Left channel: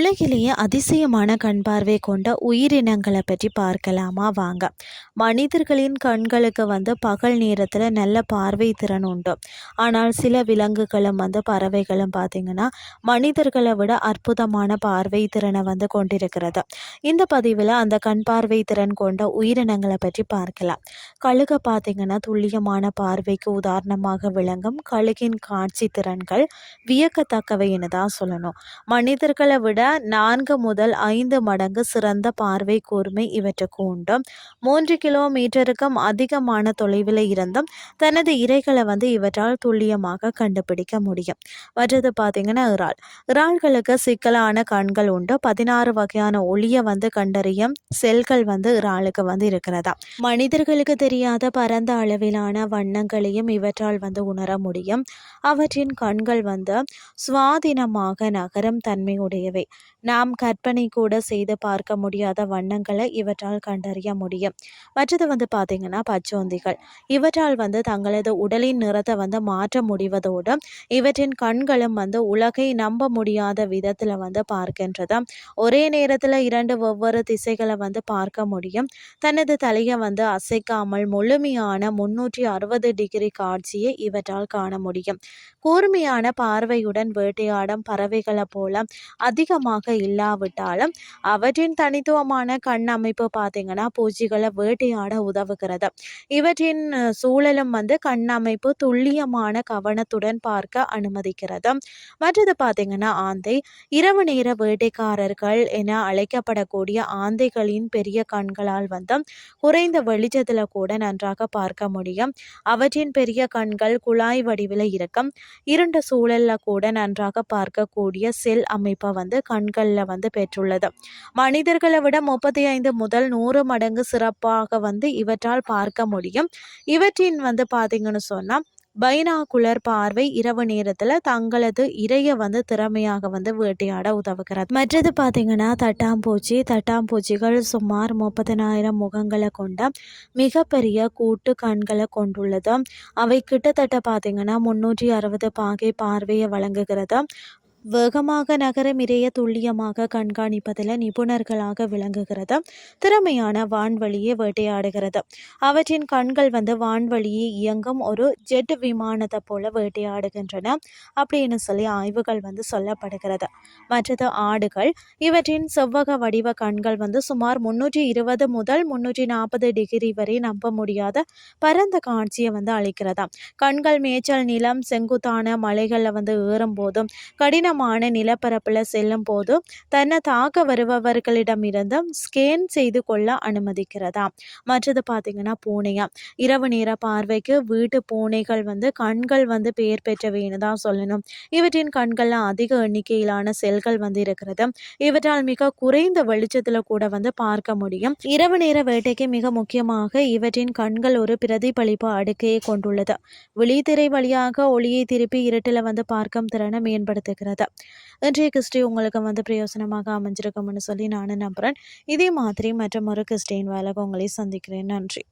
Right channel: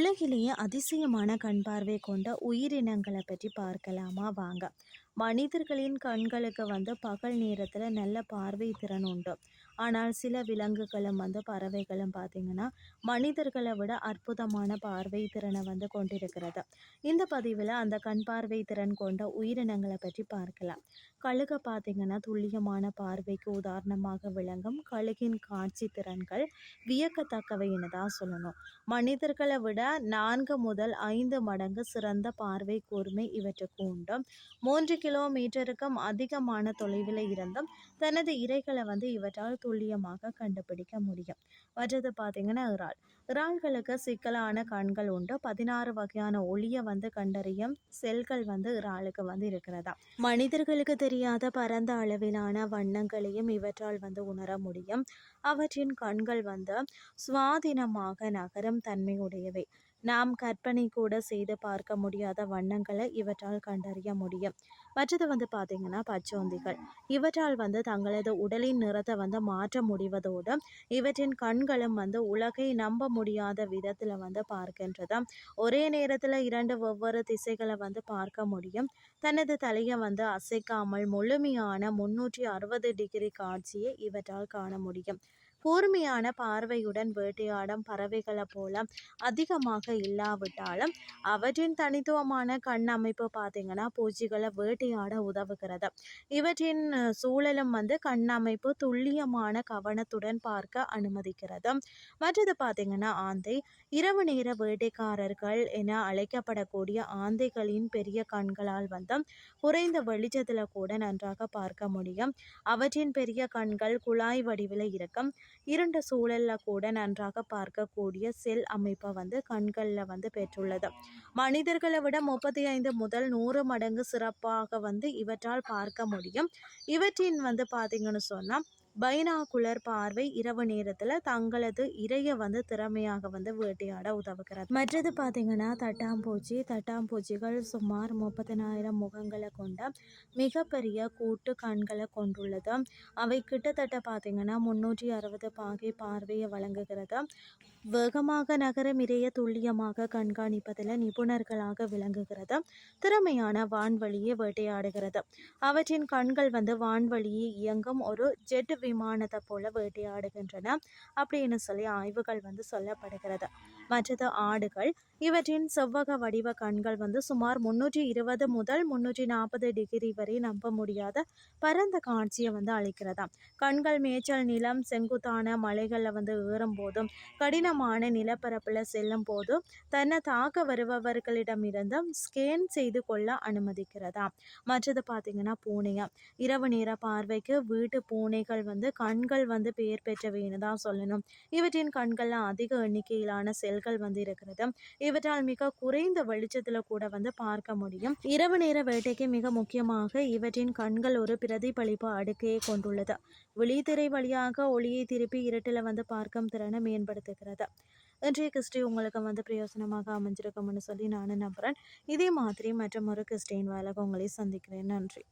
உலகிலேயே அதிசயமான கண் பார்வை கொண்ட உயிரினங்களை பற்றி பார்க்கலாமா வாங்க. மனிதர்களின் கண்களுக்கு வந்து பகல் நேரத்தில் நல்ல பார்வை திறன் உண்டு. ஆனால் சில விலங்குகளும் வந்து பறவைகளும் பார்த்திங்கன்னா மனிதர்களை விட அற்புதமான பார்வை திறனை வந்து கொண்டிருக்கிறது. இந்த பதிவில் அந்த கண் பார்வை திறன் கொண்ட உயிரினங்களை பற்றி பார்க்கலாம். கழுகை பார்த்திங்கன்னா துல்லியமான பார்வைக்கு உதாரணமாக விளங்கும் கழுகின் காட்சி திறன்கள் வியக்கத்தக்கவைன்னு தான் சொல்லணும். மனிதர்களை விட நான்கு முதல் ஐந்து மடங்கு சிறந்த பார்வை கூர்மை இவற்றுக்கு உண்டு மூன்று கிலோமீட்டருக்கும் அதிகமான தொலைவில் இருந்தும் தனது இரைகளை வந்து இவற்றால் துல்லியமாக கண்டுபிடிக்க முடியும். மற்றது பார்த்தீங்கன்னா இறால். இறால்களுக்கு சிக்கலான கண்கள் உண்டு. பதினாறு வகையான ஒளியை வந்து கண்டறியும் செல்கள் வந்து இறாலுக்கு வந்து இருக்கிறதா. மனிதர்களுக்கு தெரியாத பரந்த அளவிலான வண்ணங்களையும் இவற்றால் வந்து உணர முடியும். அவற்றின் கண்கள் வந்து சுவாதீனமாக நகரும் தன்மையுடையவை. நாம் கற்பனை கூட செய்து பார்க்க முடியாத வண்ணங்களை இவற்றால் கண்டறிய முடியும். மற்றது வந்து பார்த்திங்கன்னா பச்சோந்திகள். இவற்றால் வந்து தங்களது உடலின் நிறத்தை வந்து மாற்ற முடிவதோடு இவற்றின் கண்களும் வந்து உலகை நம்ப முடியாத விதத்தில் வந்து பார்க்கின்றது? ஒரே நேரத்தில் இரண்டு ஒவ்வொரு திசைகளை வந்து பார்க்க முடியும். தனது தலையை வந்து அசைக்காமல் முழுமையான முன்னூற்றி அறுபது டிகிரி காட்சியை இவற்றால் காண முடியும். கூர்மையான பார்வையுடன் வேட்டையாடும் பறவைகளை போல அதிகமாக இல்லாவிட்டாலும் அவற்றின் தனித்துவமான கண் அமைப்பு பார்த்தீங்கன்னா பூச்சிகளை வேட்டையாட உதவுகிறது. இவற்றின் சூழலும் வந்து கண் அமைப்பு துல்லியமான கவனத்துடன் பார்க்க அனுமதிக்கிறது. மற்றது பார்த்தீங்கன்னா ஆந்தை. இரவு நேர வேட்டைக்காரர்கள் என அழைக்கப்படக்கூடிய ஆந்தைகளின் பெரிய கண்களால் வந்து குறைந்த வெளிச்சத்தில் கூட நன்றாக பார்க்க முடியும். அவற்றின் பெரிய கண்கள் குழாய் வடிவில் இருக்கும். இருண்ட சூழலில் கூட நன்றாக பார்க்கக்கூடிய செல் அமைப்பை வந்து கண்களில் வந்து பெற்றுள்ளது. மனிதர்களை விட முப்பத்தி ஐந்து முதல் நூறு மடங்கு சிறப்பாக வந்து இவற்றால் பார்க்க முடியும். இவற்றின் வந்து பார்த்தீங்கன்னு சொன்னால் பைனாகுலர் பார்வை இரவு நேரத்தில் தங்களது இறைய வந்து திறமையாக வந்து வேட்டையாட உதவுகிறது. மற்றது பார்த்தீங்கன்னா தட்டாம்பூச்சி தட்டாம்பூச்சிகள் சுமார் முப்பதினாயிரம் முகங்களை கொண்ட மிகப்பெரிய கூட்டு கண்களை கொண்டுள்ளது. அவை கிட்டத்தட்ட பார்த்தீங்கன்னா முன்னூற்றி அறுபது பாகை பார்வையை வழங்குகிறது. வேகமாக நகரம் இறைய துல்லியமாக கண்காணிப்பதில் நிபுணர்களாக விளங்குகிறது. திறமையான வான்வழியை வேட்டையாடுகிறது. அவற்றின் கண்கள் வந்து வான்வழியை இயங்கும் ஒரு ஜெட் விமானத்தை போல வேட்டையாடுகின்றன அப்படின்னு சொல்லி ஆய்வுகள் வந்து சொல்லப்படுகிறது. மற்றது ஆடுகள் இவற்றின் செவ்வக வடிவ கண்கள் வந்து சுமார் முன்னூற்றி இருபது முதல் முன்னூற்றி நாற்பது டிகிரி வரை நம்ப முடியாத பரந்த காட்சியை வந்து அளிக்கிறதா. கண்கள் மேய்ச்சல் நிலம் செங்குத்தான மலைகளில் வந்து ஏறும்போதும் கடின கடினமான நிலப்பரப்பில் செல்லும் போது தன்னை தாக்க வருபவர்களிடமிருந்து ஸ்கேன் செய்து கொள்ள அனுமதிக்கிறதா? மற்றது பார்த்தீங்கன்னா பூனையா? இரவு நேர பார்வைக்கு வீட்டு பூனைகள் வந்து கண்கள் வந்து பெயர் பெற்றவைன்னு தான் சொல்லணும். இவற்றின் கண்களில் அதிக எண்ணிக்கையிலான செல்கள் வந்து இருக்கிறது. இவற்றால் மிக குறைந்த வெளிச்சத்தில் கூட வந்து பார்க்க முடியும். இரவு நேர வேட்டைக்கு மிக முக்கியமாக இவற்றின் கண்கள் ஒரு பிரதிபலிப்பு அடுக்கையை கொண்டுள்ளது. விழித்திரை வழியாக ஒளியை திருப்பி இருட்டில் வந்து பார்க்கும் திறனை மேம்படுத்துகிறது. இன்றைய கிறிஸ்டி உங்களுக்கு வந்து பிரயோசனமாக அமைஞ்சிருக்கும்னு சொல்லி நானும் நம்புகிறேன் இதே மாதிரி மற்றும் ஒரு கிறிஸ்டின் வேலை உங்களை சந்திக்கிறேன். நன்றி.